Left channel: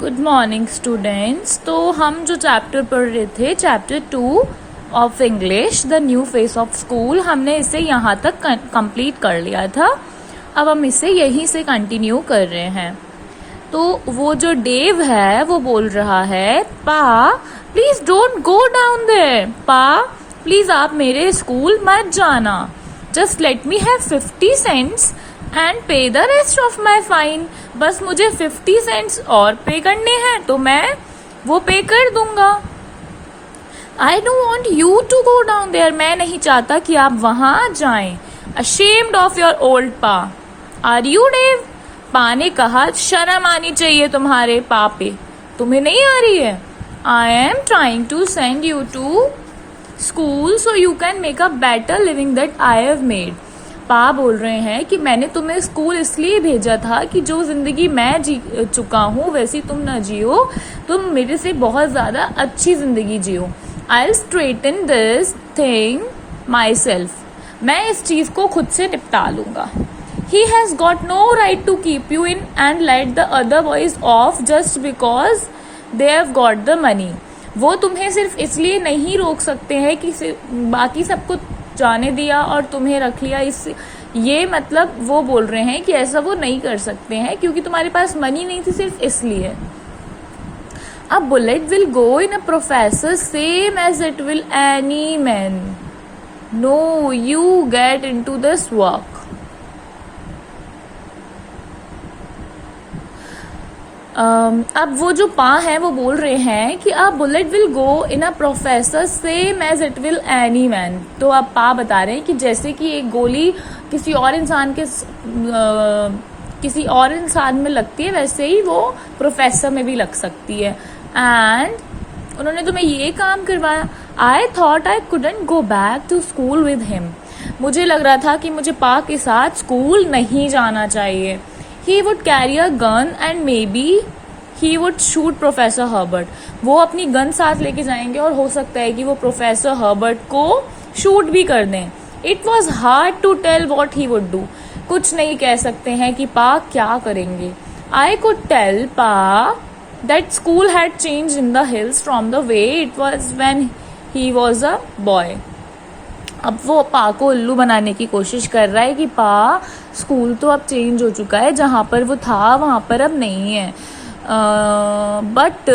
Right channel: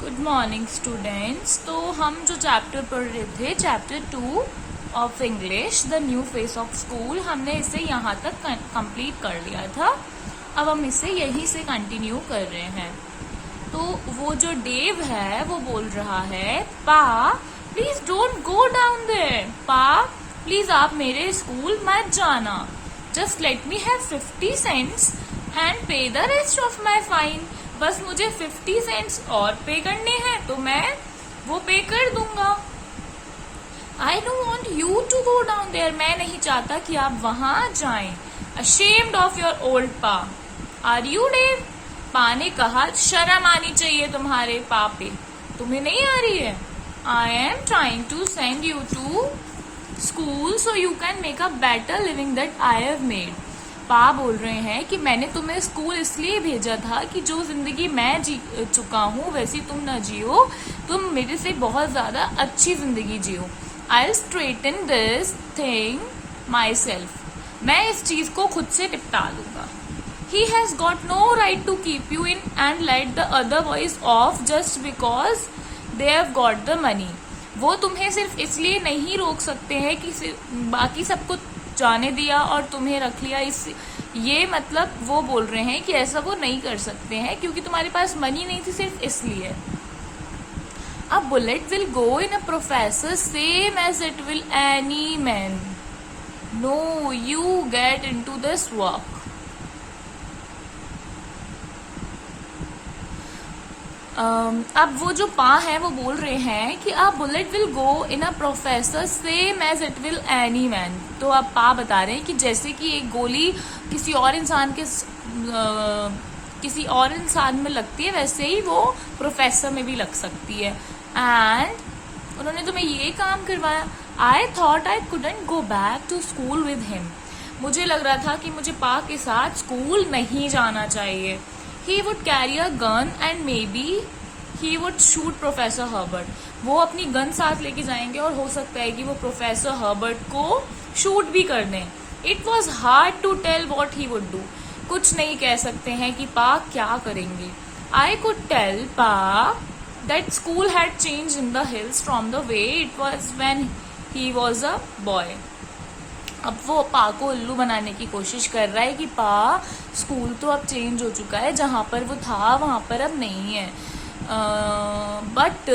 Good morning students. तो हम जो चैप्टर पढ़ रहे थे, chapter 2 of English, the new face of school, हमने इसे यहाँ तक कंप्लीट कर लिया था। अब हम इसे यहीं से कंटिन्यू कर रहे हैं। तो वो जो डेव है वो बोल रहा है, pa please don't go down there. Pa please आप मेरे स्कूल मत जाना। Just let me have 50 cents and pay the rest of my fine. बस मुझे 50 सेंट्स और पे करने हैं तो मैं वो पे कर दूंगा। I don't want you to go down there. मैं नहीं चाहता कि आप वहां जाएं। Ashamed of your old pa. Are you Dave? Pa ने कहा, शर्म आनी चाहिए तुम्हारे पा पे। तुम्हें नहीं आ रही है? I am trying to send you to school so you can make a better living that I have made. Pa बोल रहे हैं कि मैंने तुम्हें स्कूल इसलिए भेजा था कि जो जिंदगी मैं जी चुका हूँ वैसी तुम न जियो, तुम मेरे से बहुत ज्यादा अच्छी जिंदगी जियो। I will straighten this thing myself. मैं इस चीज को खुद से निपटा लूंगा। He has got no right to keep you in and let the other boys off just because they have got the money. वो तुम्हें सिर्फ इसलिए नहीं रोक सकते हैं कि बाकी सबको जाने दिया और तुम्हें रख लिया। इस ये मतलब वो बोल रहे हैं कि ऐसा वो नहीं कर सकते हैं क्योंकि तुम्हारे पास मनी नहीं थी, सिर्फ इसलिए। अब bullet will go in a professor same as it will any man. No, you get into this work. अब वो जो पा है वो बोल रहे हैं कि अब bullet will go in a professor same as it will any man. तो अब पा बता रहे हैं कि जैसे कि एक गोली किसी और इंसान में लगती है वैसे ही वो प्रोफेसर में भी लग सकती है। एंड उन्होंने तुम्हें ये काम करवाया। I thought I couldn't go back to school with him. मुझे लग रहा था कि मुझे पा के साथ स्कूल नहीं जाना चाहिए। He would carry a gun and maybe he would shoot Professor Herbert. वो अपनी गन साथ लेके जाएंगे और हो सकता है कि वो प्रोफेसर हर्बर्ट को शूट भी कर दें। It was hard to tell what he would do. कुछ नहीं कह सकते हैं कि पा क्या करेंगे। I could tell Pa that school had changed in the hills from the way it was when he was a boy. अब वो पा को उल्लू बनाने की कोशिश कर रहा है कि पा स्कूल तो अब चेंज हो चुका है, जहां पर वो था वहां पर अब नहीं है। But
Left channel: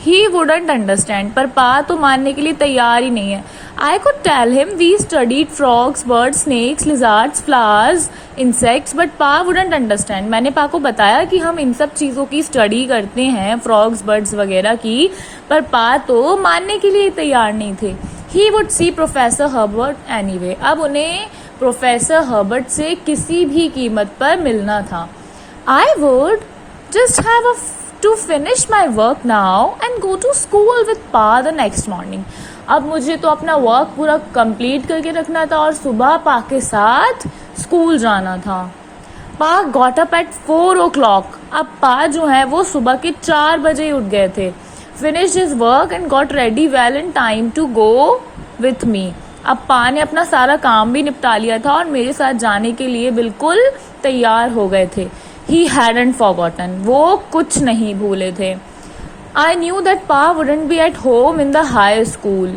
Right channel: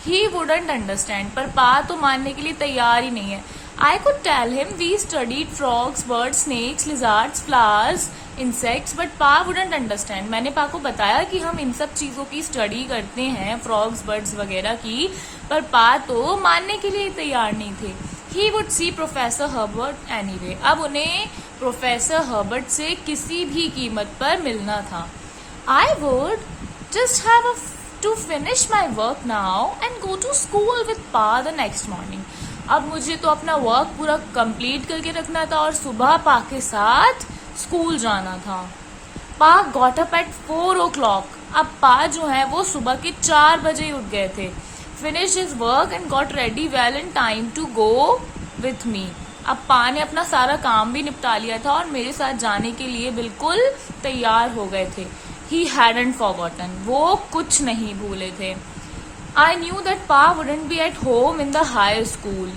he wouldn't understand. पर पा तो मानने के लिए तैयार ही नहीं है। I could tell him we studied frogs, birds, snakes, lizards, flowers, insects, but Pa wouldn't understand. मैंने पा को बताया कि हम इन सब चीजों की स्टडी करते हैं, फ्रॉग्स, बर्ड्स वगैरह की, पर पा तो मानने के लिए तैयार नहीं थे। He would see Professor Herbert anyway. अब उन्हें प्रोफेसर हर्बर्ट से किसी भी कीमत पर मिलना था। I would just have to finish my work now and go to school with Pa the next morning. अब मुझे तो अपना वर्क पूरा कंप्लीट करके रखना था और सुबह पा के साथ स्कूल जाना था। पा got up at 4 o'clock. अब पा जो है वो सुबह के 4 बजे उठ गए थे। Finished his work and got ready well in time to go with me. अब पा ने अपना सारा काम भी निपटा लिया था और मेरे साथ जाने के लिए बिल्कुल तैयार हो गए थे। He hadn't forgotten. वो कुछ नहीं भूले थे। I knew that Pa wouldn't be at home in the high school.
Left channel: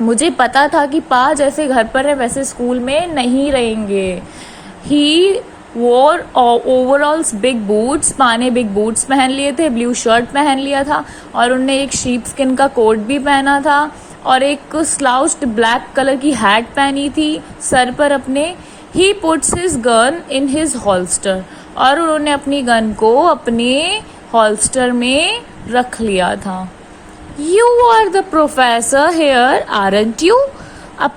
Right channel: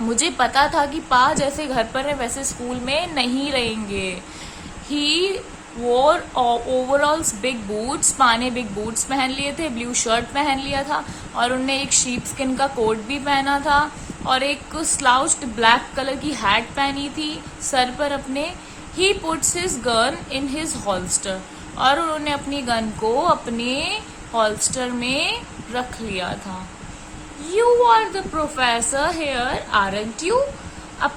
मुझे पता था कि पा जैसे घर पर है वैसे स्कूल में नहीं रहेंगे। He wore overalls, big boots. पा ने बिग बूट्स पहन लिए थे, ब्लू शर्ट पहन लिया था और उनने एक शीप स्किन का कोट भी पहना था और एक स्लाउस्ड ब्लैक कलर की हैट पहनी थी सर पर अपने। He puts his gun in his holster. और उन्होंने अपनी गन को अपने हॉल्स्टर में रख लिया था। You are the professor here aren't you. अब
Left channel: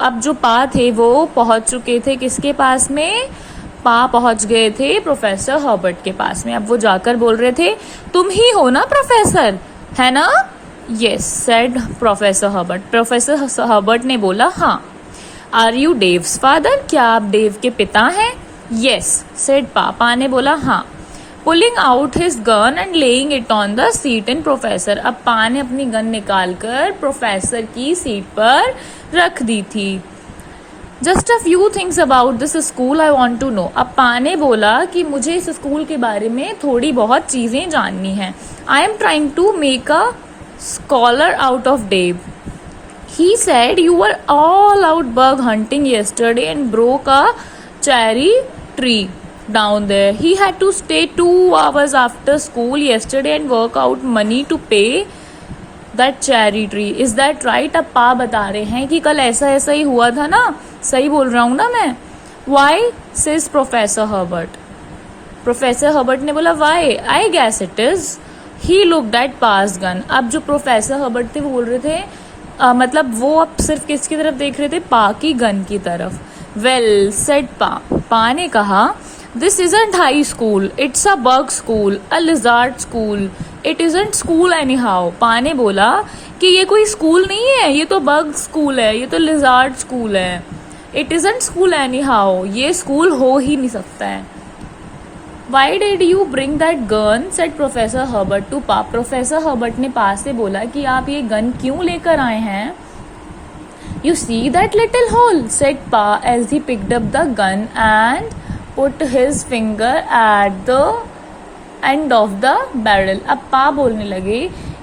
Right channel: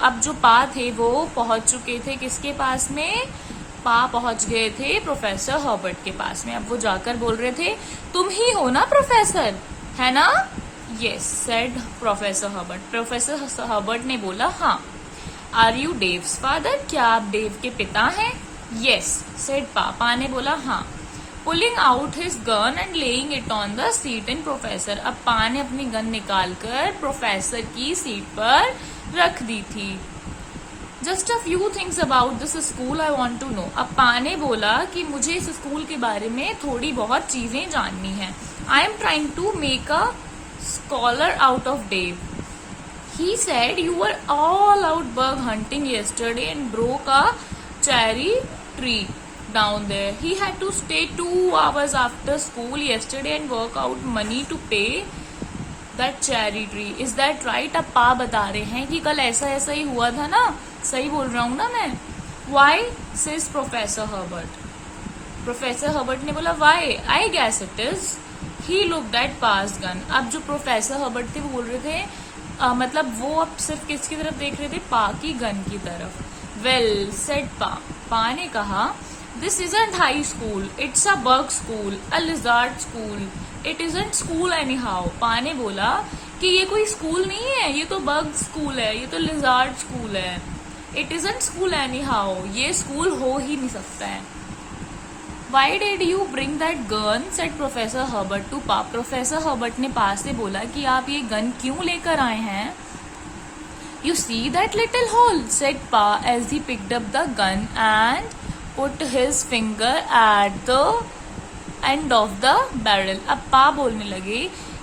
अब जो पा थे वो पहुंच चुके थे किसके पास में? पा पहुंच गए थे प्रोफेसर हर्बर्ट के पास में। अब वो जाकर बोल रहे थे, तुम ही हो ना प्रोफेसर, है ना? Yes said professor Herbert. Professor Herbert ने बोला, हाँ। Are you Dave's father? क्या आप डेव के पिता हैं? यस सेड पा ने बोला, हाँ। Pulling out his gun and laying it on the seat in professor. अब पा ने अपनी गन निकालकर प्रोफेसर की सीट पर रख दी थी। Just a few things about this school I want to know. अब पा ने बोला कि मुझे इस स्कूल के बारे में थोड़ी बहुत चीजें जाननी है। I am trying to make a scholar out of Dave. He said you were all out bug hunting yesterday and broke a cherry tree down there. He had to stay 2 hours after school yesterday and work out money to pay that cherry tree. Is that right? अब पा बता रहे हैं कि कल ऐसा ऐसा ही हुआ था ना, सही बोल रहा हूँ ना मैं? Why? says Professor Herbert. Professor Herbert ने बोला why? I guess it is. He looked at Pa's gun. अब जो प्रोफेसर हर्बर्ट थे वो बोल रहे थे मतलब वो अब सिर्फ किसकी तरफ देख रहे थे? पा की गन की तरफ। वेल सेड पा ने कहा this isn't high school, it's a bug school, a lizard school, it isn't school any how. पा ने बोला कि ये कोई स्कूल नहीं है, ये तो बग स्कूल है, ये तो लिजार्ड स्कूल है। It isn't school any how, ये स्कूल हो ही नहीं सकता है। Why did you bring that gun? said Professor Herbert to Pa. Professor Herbert ने पा से बोला कि आप ये गन क्यों लेकर आए हैं? You see that little hole? said Pa as he picked up the gun and put his finger at the end of the barrel. अब पा बोलने लगे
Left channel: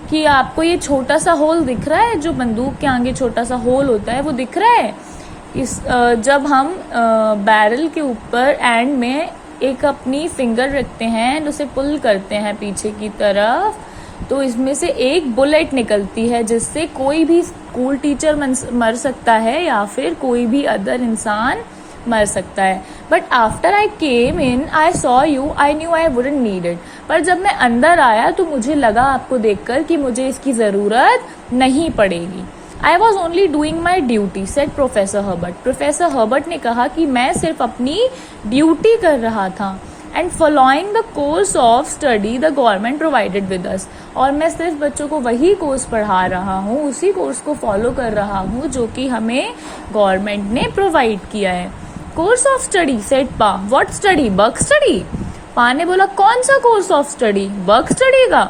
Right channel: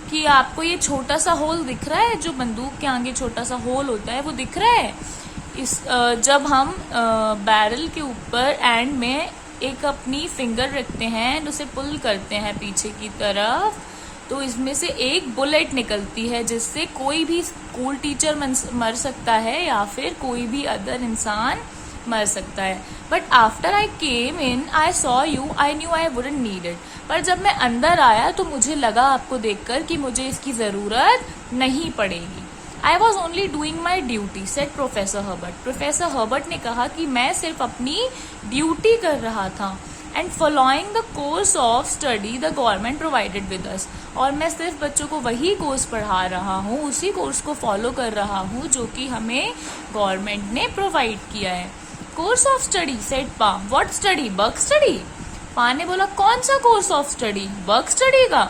कि आपको ये छोटा सा होल दिख रहा है, जो बंदूक के आगे छोटा सा होल होता है वो दिख रहा है? जब हम बैरल के ऊपर एंड में एक अपनी फिंगर रखते हैं, उसे पुल करते हैं पीछे की तरफ, तो इसमें से एक बुलेट निकलती है जिससे कोई भी स्कूल टीचर मर सकता है या फिर कोई भी अदर इंसान मर सकता है। But after I came in I saw you, I knew I wouldn't need it. पर जब मैं अंदर आया तो मुझे लगा आपको देखकर कि मुझे इसकी जरूरत नहीं पड़ेगी। I was only doing my duty, said Professor Herbert. Professor Herbert ने कहा कि मैं सिर्फ अपनी ड्यूटी कर रहा था। And following the course of study the government provided with us. और मैं सिर्फ बच्चों को वही कोर्स पढ़ा रहा हूँ, उसी कोर्स को फॉलो कर रहा हूँ जो कि हमें गवर्नमेंट ने प्रोवाइड किया है। कोर्स ऑफ स्टडी, said पा। What study? Bug study. पा ने बोला कौन सा course of study? Bug study का।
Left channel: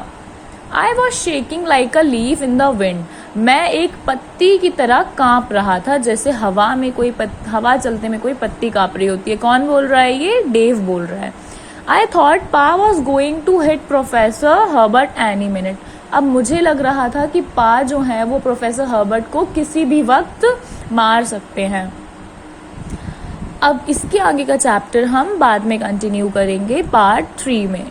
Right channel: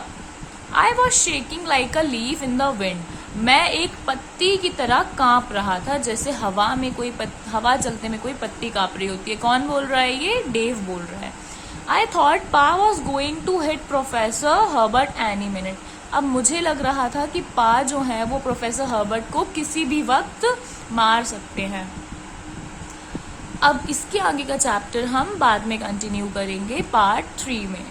I was shaking like a leaf in the wind. मैं एक पत्ती की तरह कांप रहा था, जैसे हवा में हवा चलते में कोई पत्ती कांप रही होती है। कौन बोल रहा है? ये डेव बोल रहा है। I thought Pa was going to hit professor Herbert any minute. अब मुझे लग रहा था कि पा जो है वो प्रोफेसर हर्बर्ट को किसी भी वक्त मार सकते हैं। अब इसके आगे का चैप्टर हम बाद में कंटिन्यू करेंगे पार्ट 3 में।